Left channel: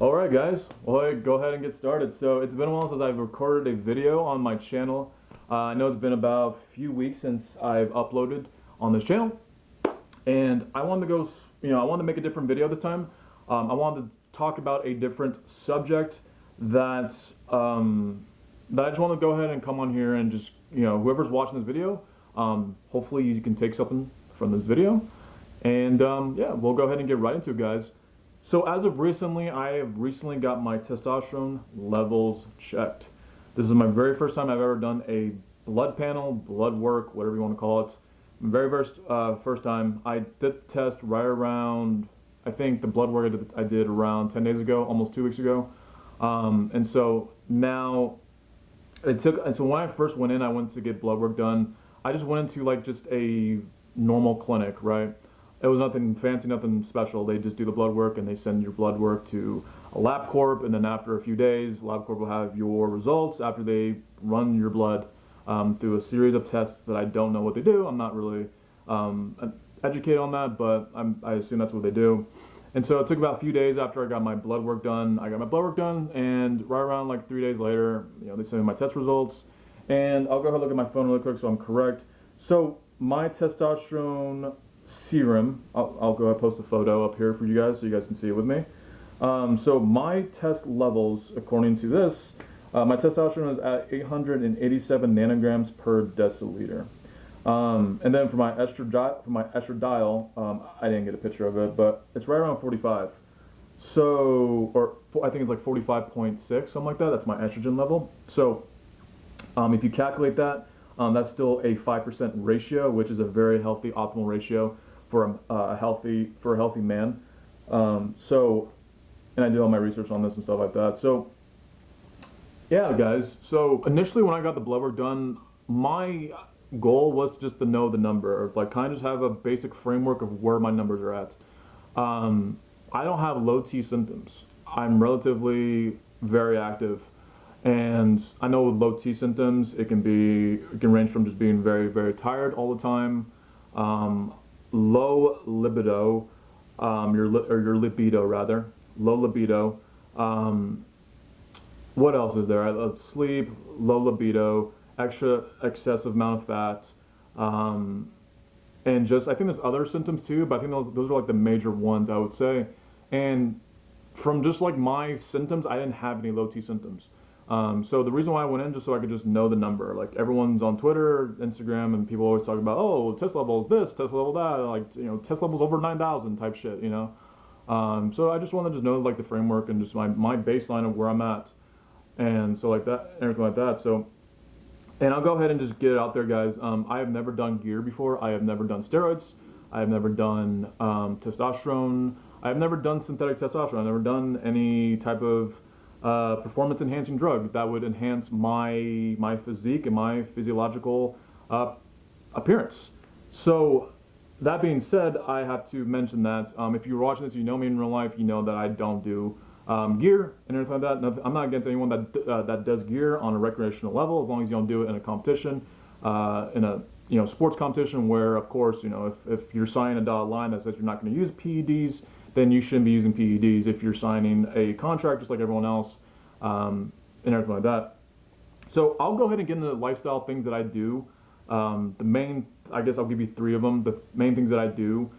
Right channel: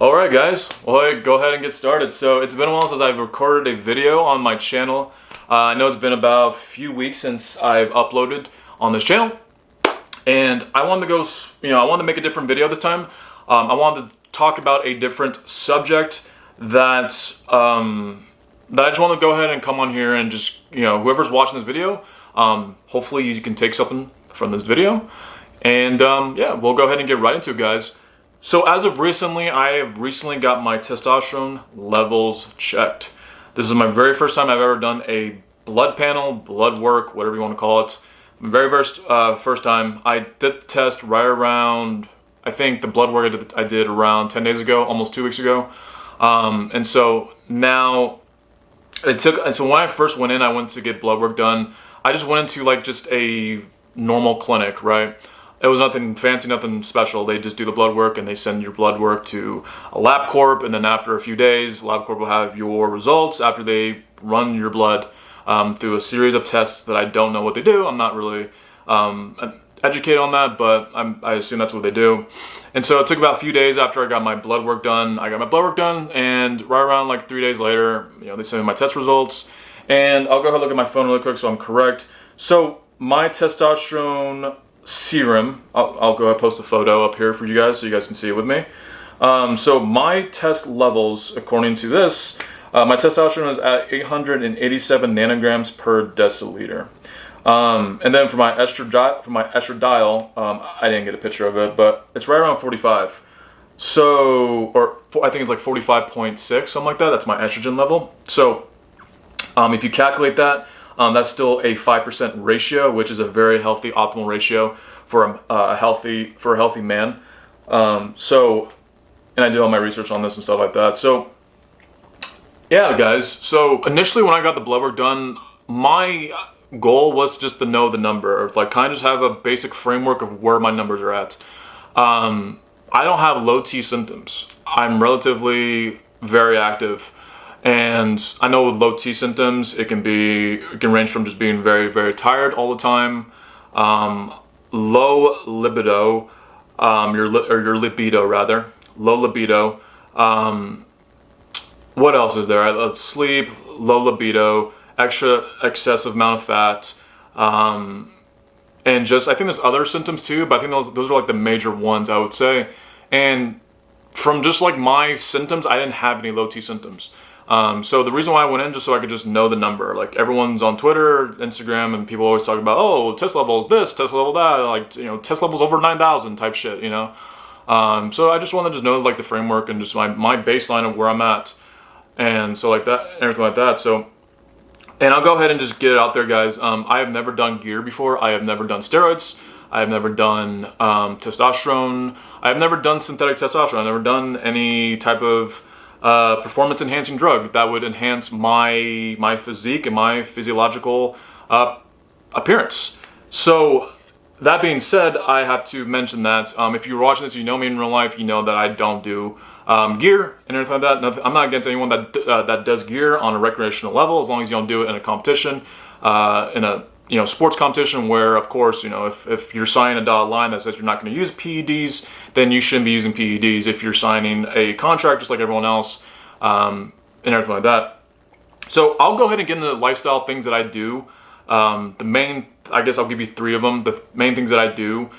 Alright guys, well go ahead and get started. So it's been a while since I've recorded a video on my channel. I know it's been about a few weeks since I've uploaded on this channel. And I wanted to go, I wanted to make a different video this time. I wanted to talk about a different subject that, that I just want to go ahead and come on here and just, whoever's watching this video, hopefully you can take something from this video. And yeah, we'll go ahead and get right into it, guys. So as of recently, I have recently got my testosterone levels checked. This is my very first time I've ever done a blood panel, blood work, whatever you want to call it. Very first time. I did the test right around, I think the blood work I did around 10 days ago, almost 2 weeks ago. And so now so when I first went in, I went to get blood work done. I just went into like just a normal clinic, right? It was nothing fancy, nothing special. They just do the blood work and they send your blood work to a LabCorp, and then after a few days, LabCorp will have your results after they run your blood through a series of tests that I don't know what they do. I'm not really educated on that, but I assume that's what they do. And so it took about a few days after I got my blood work done. I got my blood work done, and right around like 3 days later, they sent me my test results. And I'll go ahead and look at my phone really quick so I'm correct. So my testosterone serum, I'll go ahead and post a photo up here for you guys so you guys can see it with me. So my test levels, according to this, my testosterone is at 887 nanograms per deciliter. And then for my estradiol, I didn't get a picture of it, but it's right around 45. So, I think it's like 45.6, something like that. That's my estrogen level. So if you calculate that, that's still a 5% ratio, which is a very healthy, optimal ratio for a healthy man. And I did all my research on this and stuff like that. So, yeah, guys. So initially, when I got the blood work done, my goal was just to know the number, or like kind of just have a basic framework of where my numbers are at. I don't have low T symptoms. I'm relatively very active. And I know with low T symptoms, it can range from just being very, very tired all the time, low libido, your libido rather, low libido. What else is there? I love sleep, low libido, excessive amount of fat, and just I think there's other symptoms too, but I think those are like the major ones I would say. And from just like my symptoms, I didn't have any low T symptoms. So the reason why I went in, just so I could just know the number. Like everyone's on Twitter, Instagram, and people always talk about, oh, test level is this, test level that, like, test levels over 9,000 type shit, So I just want to just know like the framework and just my baseline of where I'm at. And so like that, everything like that. So, and I'll go ahead and just get it out there, guys. I have never done gear before. I have never done steroids. I have never done testosterone. I have never done synthetic testosterone. I've never done any type of performance enhancing drug that would enhance my physique and my physiological appearance. So that being said, I have to mention that if you're watching this, you know me in real life, you know that I don't do gear and everything like that. I'm not against anyone that does gear on a recreational level, as long as you don't do it in a competition, in a sports competition where, of course, if you're signing a dotted line that says you're not going to use PEDs, then you shouldn't be using PEDs. If you're signing a contract just like everyone else, and everything like that. So I'll go ahead and get into the lifestyle things that I do. I guess I'll give you 3 of them. The main things that I do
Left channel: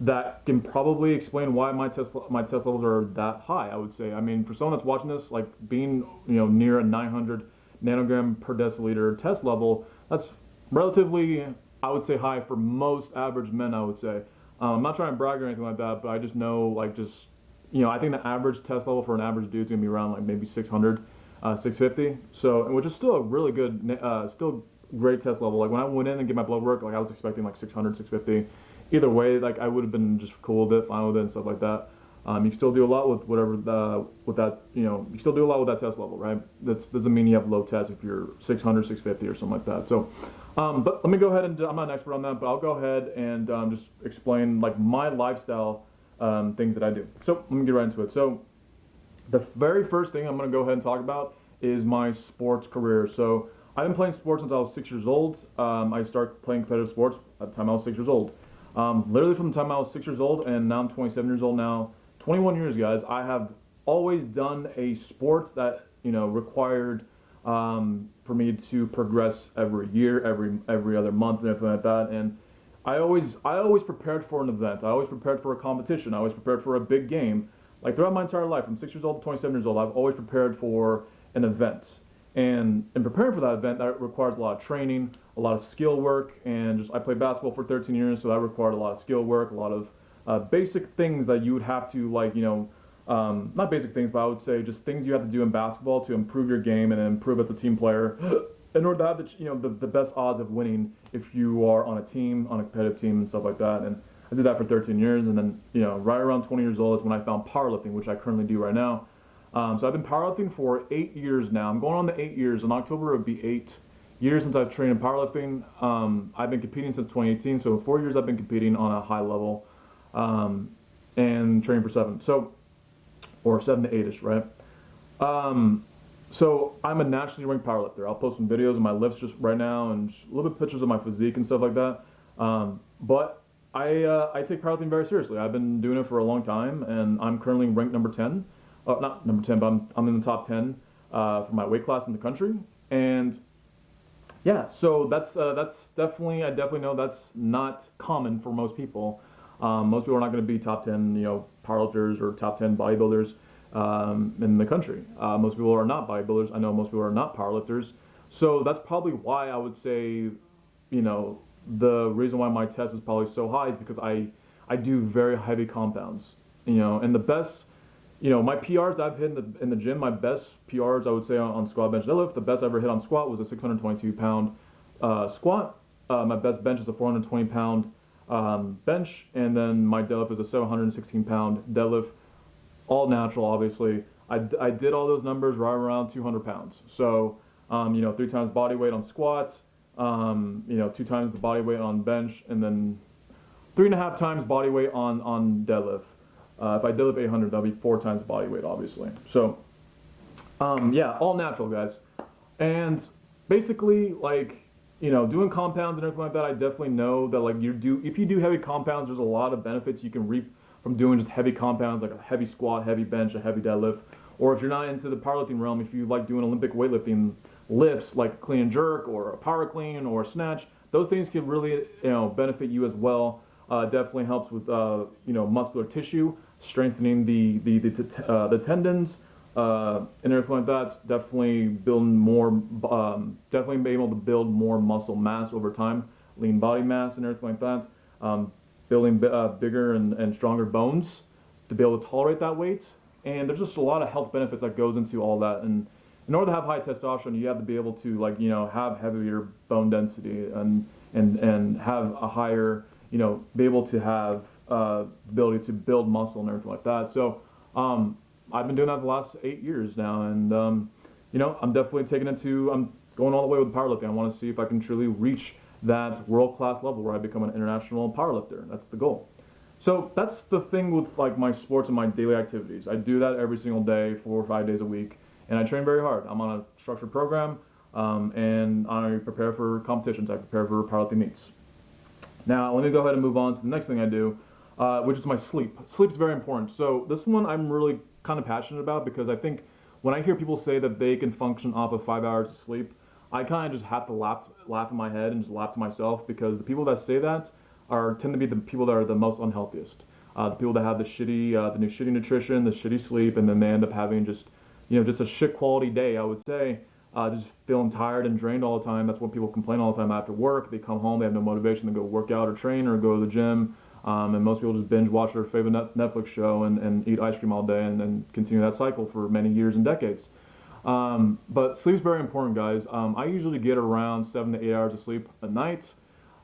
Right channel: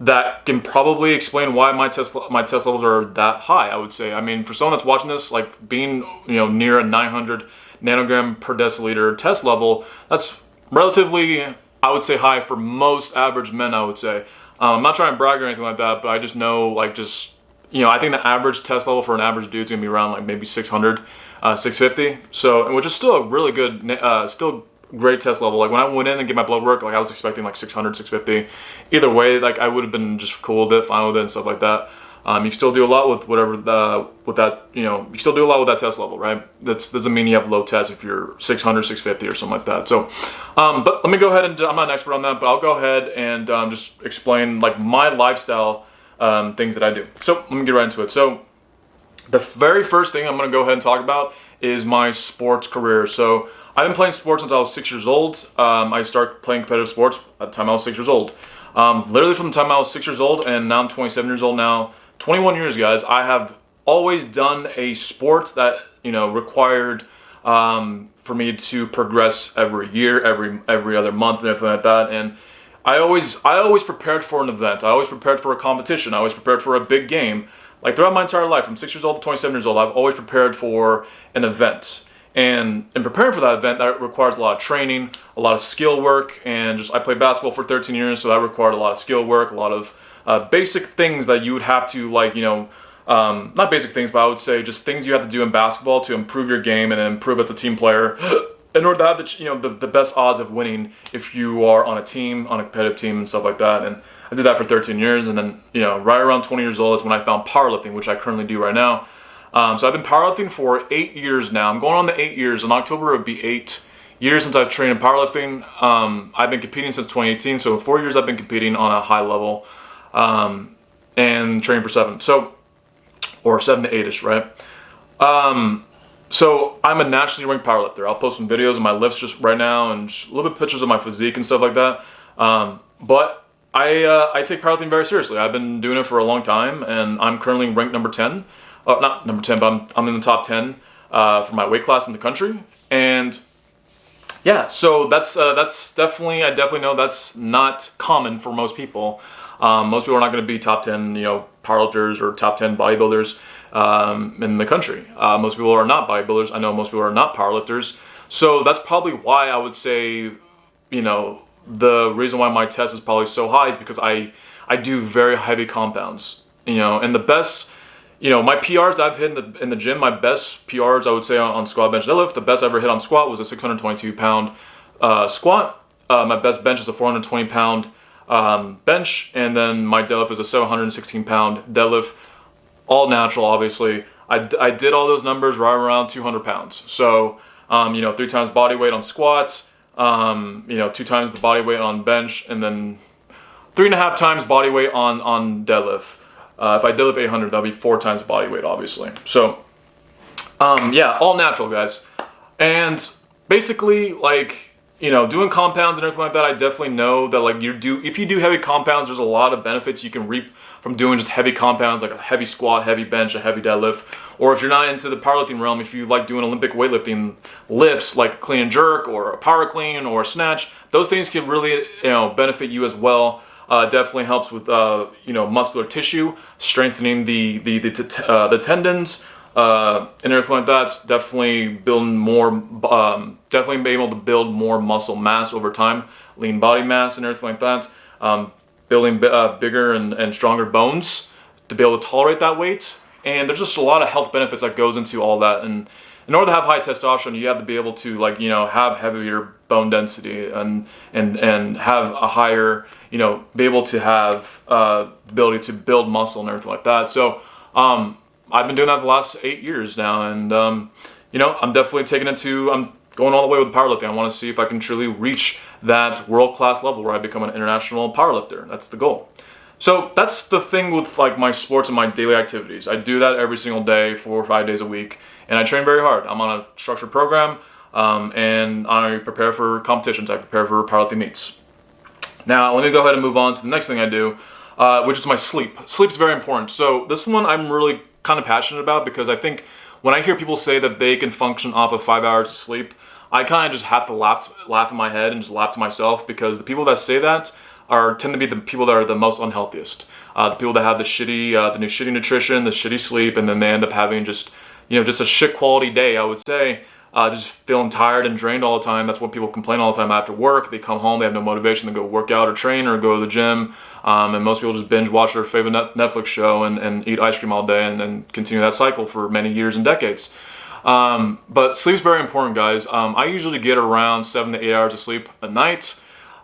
that can probably explain why my test levels are that high, I would say. I mean, for someone that's watching this, like being near a 900 nanogram per deciliter test level, that's relatively, I would say, high for most average men, I would say. I'm not trying to brag or anything like that, but I just know, like, I think the average test level for an average dude is going to be around, like, maybe 600, 650. So, which is still a really good, still great test level. Like, when I went in and get my blood work, like, I was expecting, like, 600, 650. Either way, like, I would have been just cool with it, fine with it, and stuff like that. You can still do a lot with you still do a lot with that test level, right? That doesn't mean you have low test if you're 600, 650 or something like that. So, but let me go ahead and, I'm not an expert on that, but I'll go ahead and just explain like my lifestyle things that I do. So let me get right into it. So the very first thing I'm going to go ahead and talk about is my sports career. So I've been playing sports since I was 6 years old. I started playing competitive sports at the time I was 6 years old. Literally from the time I was 6 years old, and now I'm 27 years old now. 21 years, guys. I have always done a sport that, you know, required for me to progress every year, every other month, and everything like that. And I always prepared for an event. I always prepared for a competition. I always prepared for a big game. Like throughout my entire life, from 6 years old to 27 years old, I've always prepared for an event. And in preparing for that event, that requires a lot of training, a lot of skill work, and just I played basketball for 13 years, so that required a lot of skill work, a lot of basic things that you would have to, like, you know, not basic things, but I would say just things you have to do in basketball to improve your game and improve as a team player in order to have the, you know, the best odds of winning if you are on a team, on a competitive team and stuff like that. And I did that for 13 years, and then, you know, right around 20 years old is when I found powerlifting, which I currently do right now. So I've been powerlifting for 8 years now. I'm going on the 8 years. In October, it would be 8 years since I've trained in powerlifting. I've been competing since 2018, so 4 years I've been competing on a high level and training for 7. So, or 7 to 8-ish, right? So I'm a nationally ranked powerlifter. I'll post some videos of my lifts just right now and just a little bit of pictures of my physique and stuff like that. But I take powerlifting very seriously. I've been doing it for a long time, and I'm currently ranked number 10. Not number 10, but I'm in the top 10 for my weight class in the country. And yeah, so that's definitely, I definitely know that's not common for most people. Most people are not going to be top 10, you know, powerlifters or top 10 bodybuilders in the country. Most people are not bodybuilders. I know most people are not powerlifters. So that's probably why I would say, you know, the reason why my test is probably so high is because I do very heavy compounds, you know, and the best, you know, my PRs I've hit in the gym, my best PRs I would say on squat, bench, deadlift, the best I ever hit on squat was a 622 pound squat. My best bench is a 420 pound bench, and then my deadlift is a 716 pound deadlift, all natural, obviously. I did all those numbers right around 200 pounds. So, you know, 3 times body weight on squats, you know, 2 times the body weight on bench, and then 3.5 times body weight on deadlift. If I deadlift 800, that'll be 4 times body weight, obviously. So, yeah, all natural, guys. And basically, like, you know, doing compounds and everything like that, I definitely know that, like, if you do heavy compounds, there's a lot of benefits you can reap from doing just heavy compounds, like a heavy squat, heavy bench, a heavy deadlift. Or if you're not into the powerlifting realm, if you like doing Olympic weightlifting lifts, like a clean and jerk or a power clean or a snatch, those things can really, you know, benefit you as well. Definitely helps with, you know, muscular tissue, strengthening the tendons, and everything like that. It's definitely building more, definitely be able to build more muscle mass over time, lean body mass and everything like that. Building bigger and stronger bones to be able to tolerate that weight. And there's just a lot of health benefits that goes into all that. And in order to have high testosterone, you have to be able to, like, you know, have heavier bone density and have a higher, you know, be able to have the ability to build muscle and everything like that. So I've been doing that the last 8 years now, and you know, I'm definitely I'm going all the way with powerlifting. I want to see if I can truly reach that world-class level where I become an international powerlifter. That's the goal. So that's the thing with, like, my sports and my daily activities. I do that every single day, 4 or 5 days a week, and I train very hard. I'm on a structured program, and I prepare for competitions. I prepare for powerlifting meets. Now, let me go ahead and move on to the next thing I do, which is my sleep. Sleep's very important. So this one I'm really kind of passionate about, because I think when I hear people say that they can function off of 5 hours of sleep, I kind of just have to laugh in my head and just laugh to myself, because the people that say that tend to be the people that are the most unhealthiest. The people that have the shitty nutrition, the shitty sleep, and then they end up having just, you know, just a shit quality day, I would say. Just feeling tired and drained all the time. That's what people complain all the time after work. They come home, they have no motivation to go work out or train or go to the gym. And most people just binge watch their favorite Netflix show and eat ice cream all day and then continue that cycle for many years and decades. But sleep's very important, guys. I usually get around 7 to 8 hours of sleep a night.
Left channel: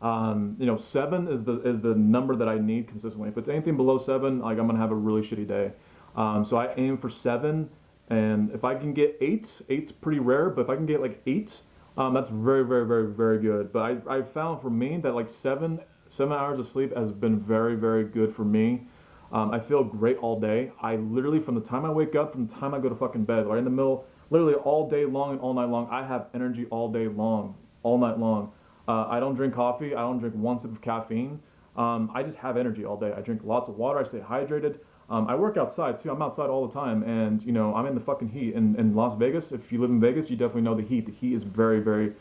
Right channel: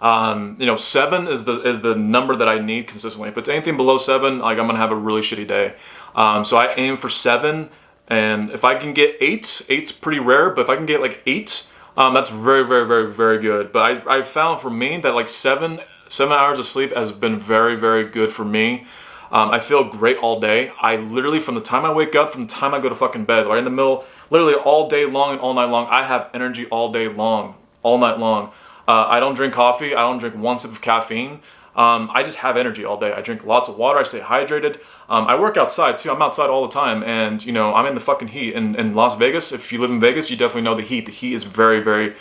You know, 7 is the number that I need consistently. If it's anything below 7, like, I'm gonna have a really shitty day. So I aim for 7, and if I can get 8, 8's pretty rare, but if I can get like 8, that's very, very, very, very good. But I found for me that, like, 7 hours of sleep has been very, very good for me. I feel great all day. I literally, from the time I wake up, from the time I go to fucking bed, right in the middle, literally all day long and all night long, I have energy all day long, all night long. I don't drink coffee. I don't drink 1 sip of caffeine. I just have energy all day. I drink lots of water. I stay hydrated. I work outside too. I'm outside all the time, and you know, I'm in the fucking heat. In Las Vegas, if you live in Vegas, you definitely know the heat. The heat is very, very,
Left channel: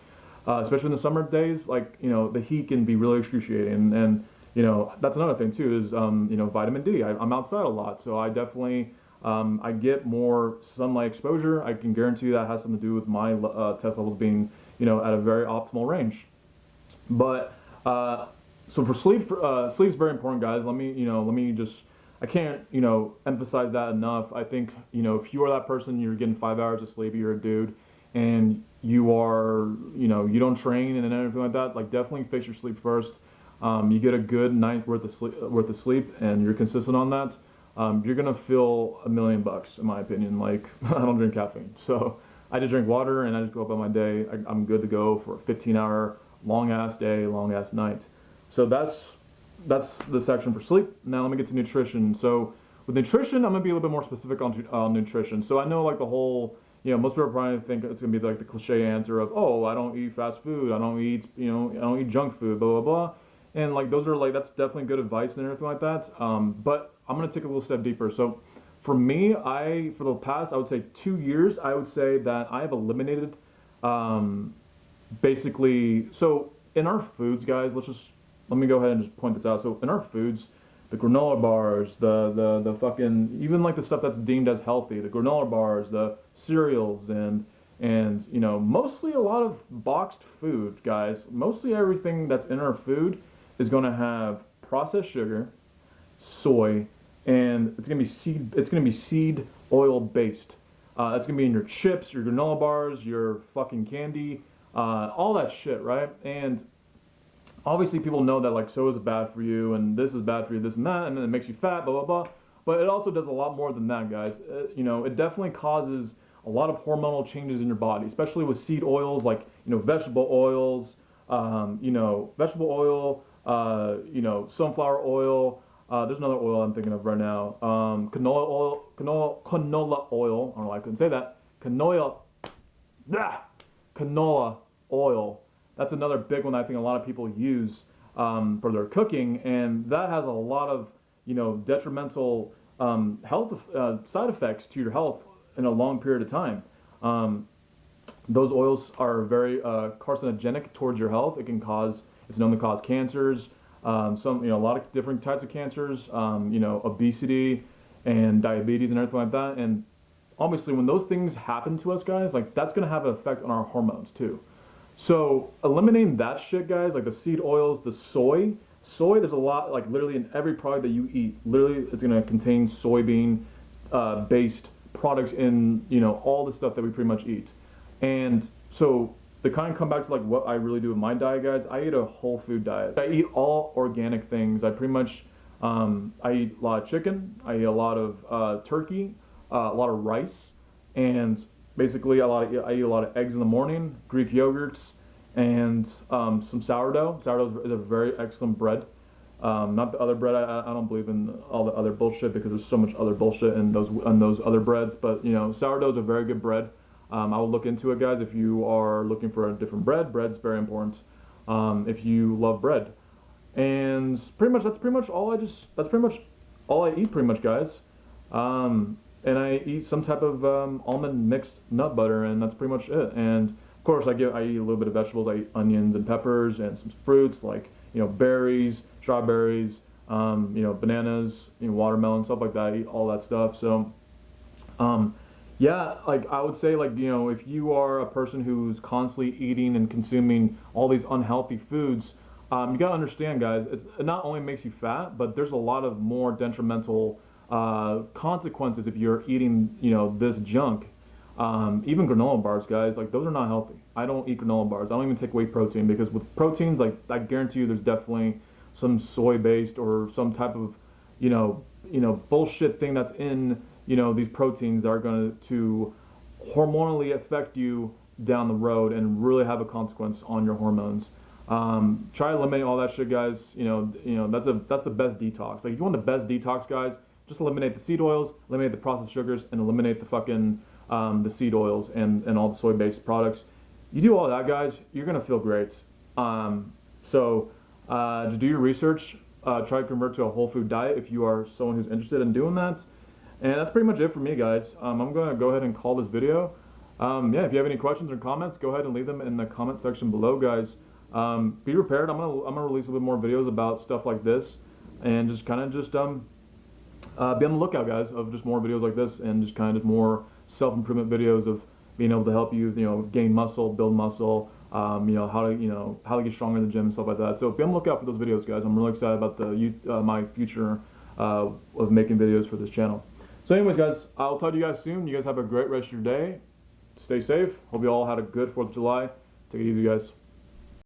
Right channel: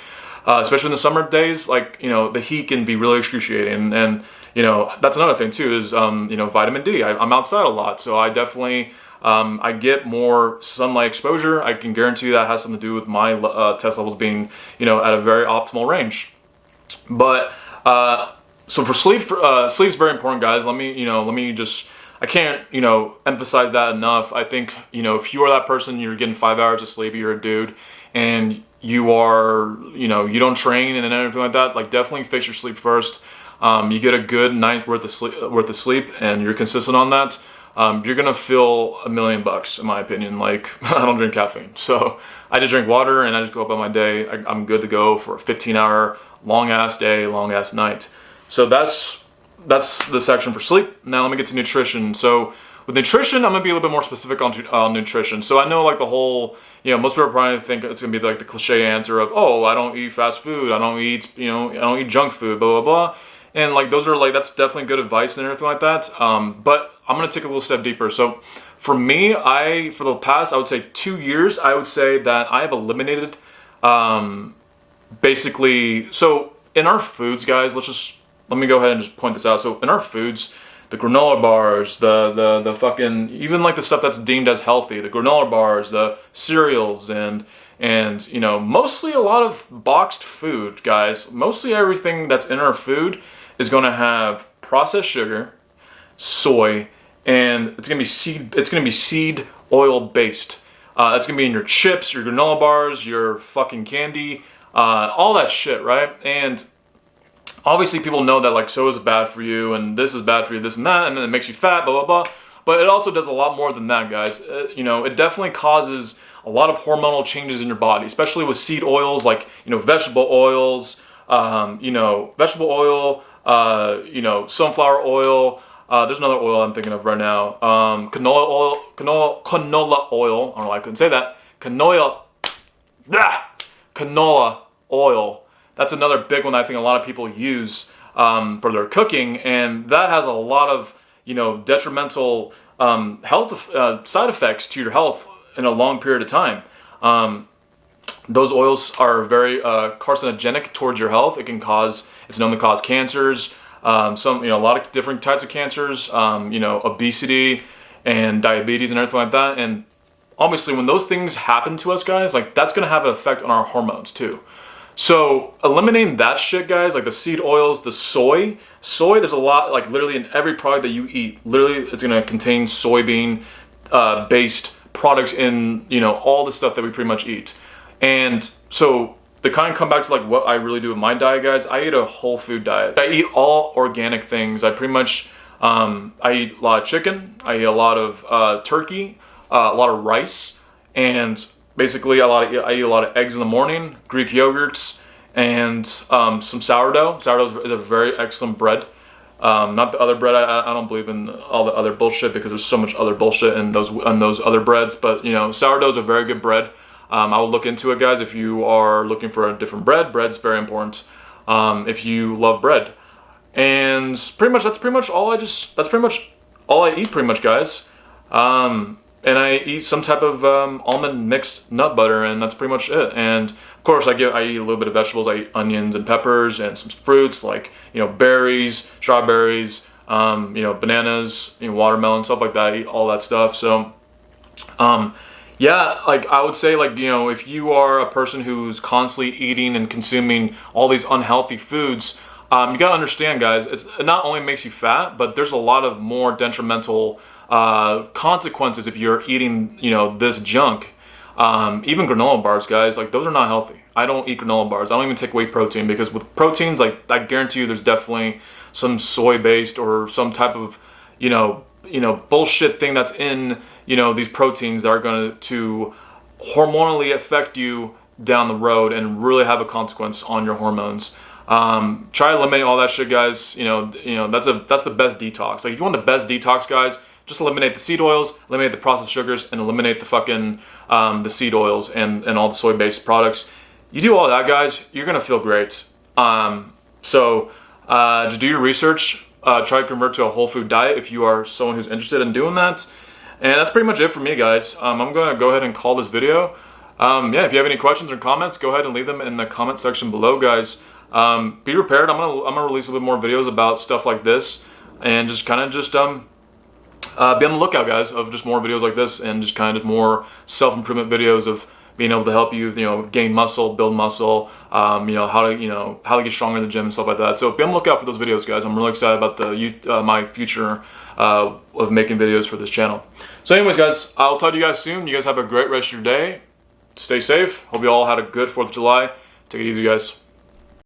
especially in the summer days. Like, you know, the heat can be really excruciating, and you know, that's another thing too. Is you know, vitamin D. I'm outside a lot, so I definitely I get more sunlight exposure. I can guarantee you that has something to do with my test levels being, you know, at a very optimal range. But so for sleep, sleep's very important, guys. Let me just, I can't, you know, emphasize that enough. I think, you know, if you are that person, you're getting 5 hours of sleep, you're a dude, and you are, you know, you don't train and everything like that, like definitely fix your sleep first. You get a good night's worth of sleep, and you're consistent on that. You're gonna feel $1 million, in my opinion. Like, I don't drink caffeine, so I just drink water and I just go about my day. I'm good to go for a 15-hour long ass day, long ass night. So that's the section for sleep. Now let me get to nutrition. So with nutrition, I'm gonna be a little bit more specific on nutrition. So I know, like, the whole, you know, most people probably think it's gonna be like the cliche answer of, oh, I don't eat fast food, I don't eat, you know, I don't eat junk food, blah blah blah. And like, those are like, that's definitely good advice and everything like that. But I'm gonna take a little step deeper. So for me, for the past, I would say 2 years, I would say that I have eliminated, basically, so in our foods, guys, let me go ahead and just point this out. So in our foods, the granola bars, the fucking, even like the stuff that's deemed as healthy, the granola bars, the cereals, and you know, mostly a lot of boxed food, guys. Mostly everything that's in our food is going to have processed sugar, soy, and it's going to be seed oil based. It's going to be in your chips, your granola bars, your fucking candy, all that shit, right? And obviously people know that, like, soda is bad for you, and this is bad for you, this and that, and then it makes you fat, blah, blah, blah. But it also does a lot more than that, guys. You know, it definitely causes a lot of hormonal changes in your body, especially with seed oils, like, you know, vegetable oils, you know, you know, sunflower oil. There's another oil I'm thinking of right now. Canola oil. I don't know why I couldn't say that. Canola oil. That's another big one I think a lot of people use for their cooking, and that has a lot of, you know, detrimental health side effects to your health in a long period of time. Those oils are very carcinogenic towards your health. It's known to cause cancers, a lot of different types of cancers, you know, obesity and diabetes and everything like that. And obviously when those things happen to us, guys, like, that's gonna have an effect on our hormones too. So eliminating that shit, guys, like the seed oils, the soy, there's a lot, like, literally in every product that you eat, literally it's gonna contain soybean based products in, you know, all the stuff that we pretty much eat. And so the kind of come back to, like, what I really do with my diet, guys. I eat a whole food diet. I eat all organic things. I pretty much, I eat a lot of chicken. I eat a lot of turkey, a lot of rice, and basically I eat a lot of eggs in the morning, Greek yogurts, and some sourdough. Sourdough is a very excellent bread. Not the other bread. I don't believe in all the other bullshit, because there's so much other bullshit in those other breads. But, you know, sourdough is a very good bread. I will look into it, guys. If you are looking for a different bread's very important. If you love bread, and that's pretty much all I eat, pretty much, guys. And I eat some type of almond mixed nut butter, and that's pretty much it. And of course, I eat a little bit of vegetables. I eat onions and peppers, and some fruits like, you know, berries, strawberries, you know, bananas, you know, watermelon, stuff like that. I eat all that stuff. So, yeah, like, I would say, like, you know, if you are a person who's constantly eating and consuming all these unhealthy foods, you gotta understand, guys, it not only makes you fat, but there's a lot of more detrimental consequences if you're eating, you know, this junk. Even granola bars, guys, like, those are not healthy. I don't eat granola bars. I don't even take whey protein, because with proteins, like, I guarantee you there's definitely some soy based or some type of, you know, bullshit thing that's in, you know, these proteins that are going to hormonally affect you down the road and really have a consequence on your hormones. Try to eliminate all that shit, guys. You know, that's the best detox. Like, if you want the best detox, guys, just eliminate the seed oils, eliminate the processed sugars, and eliminate the fucking the seed oils and all the soy-based products. You do all that, guys, you're gonna feel great. So just do your research. try to convert to a whole food diet if you are someone who's interested in doing that. And that's pretty much it for me, guys. I'm gonna go ahead and call this video. Yeah, if you have any questions or comments, go ahead and leave them in the comment section below, guys. Be prepared. I'm gonna release a little bit more videos about stuff like this, and just be on the lookout, guys, of just more videos like this, and just kind of more self-improvement videos of being able to help you, gain muscle, build muscle, how to get stronger in the gym and stuff like that. So be on the lookout for those videos, guys. I'm really excited about my future of making videos for this channel. So anyways, guys, I'll talk to you guys soon. You guys have a great rest of your day. Stay safe. Hope you all had a good 4th of July. Take it easy, guys.